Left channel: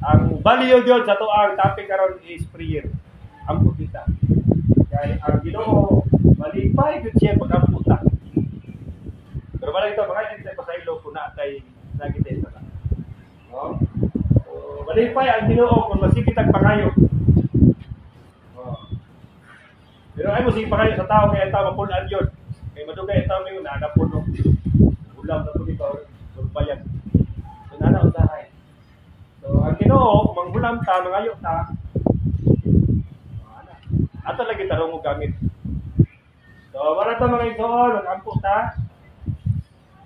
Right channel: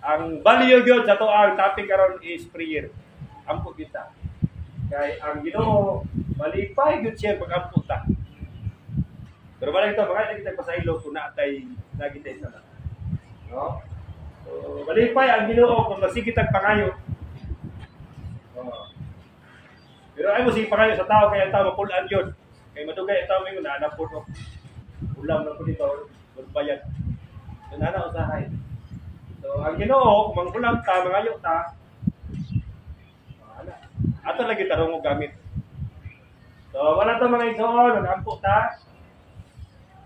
Ang value gyud sa to ang topic karon is prayer. Ampo kita. Kay ang Ginoo malipay gyud siya pag-ampo ta. Pero wala ito, mga kita pasaylo kung naatay nagitay sa no? So, malipay ang Ginoo kung masigit ang pangayo. Oh. Pero ay mo sige pangayo sa tao kaya ang tao mapulaan yun. Kaya madugay ang tao may naanapon no. Ulam na po dito, bayan. So nana usahay. So ang Ginoo manghulam ta, mangayo ta. Ana. Ato lagi tarong og gamit. So wala ta mga igsoon, magampo ta.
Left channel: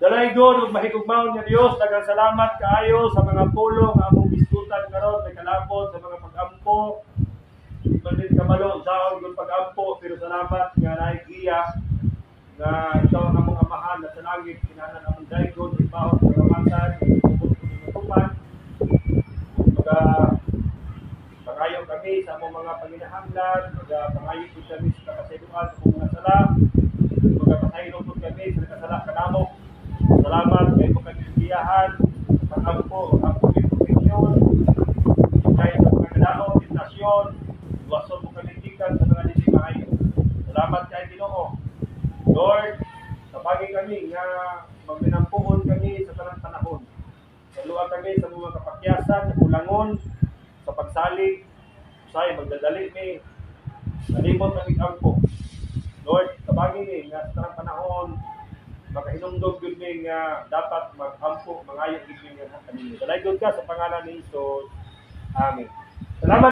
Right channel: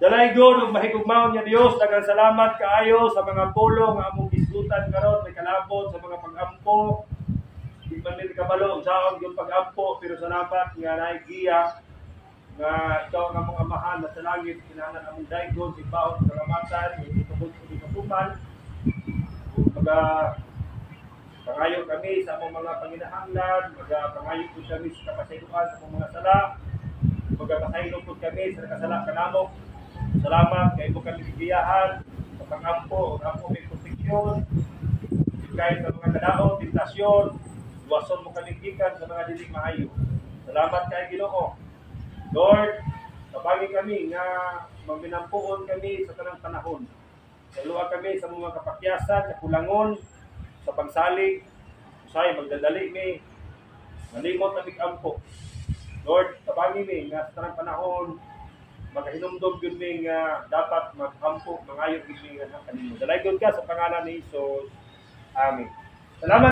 Dalay God ug mahigugmaon niya Dios, daghang salamat kaayo sa mga pulong nga among diskutan karon, may kalabot sa mga pag-ampo. Di man din kabalo sa gyud pag-ampo, pero salamat nga naigiya nga ito ang among amahan na sa langit, kinahanglan among daygon ibawat karamatan, tubod ko matuman. Mga pangayo kami sa among mga panginahanglan, pangayo po kami sa kapasayloan sa among mga sala, pasaylo po kami sa kasala kanamo. Salamat kay mo kaligiyahan sa pag-ampo, ampo ng proteksyon, kahit sa mga kadaot, tentasyon, luwason mo kaligikan sa mga dili maayo. Salamat kay Ginoo. Lord, tabagi kami nga magminampuhon kami sa tanang panahon. Saluha kami sa mga kapakyasan, sa kulangon, sa pagsalig, usay magdadali mi, nalimot ang ampo. Lord, tabagi mi nga sa tanang panahon, makahinumdog yun mi nga dapat mag-ampo, mangayo gid mi nga kanimo. Dalay gyud ka sa pangalan ni Jesus. Amen. Salamat.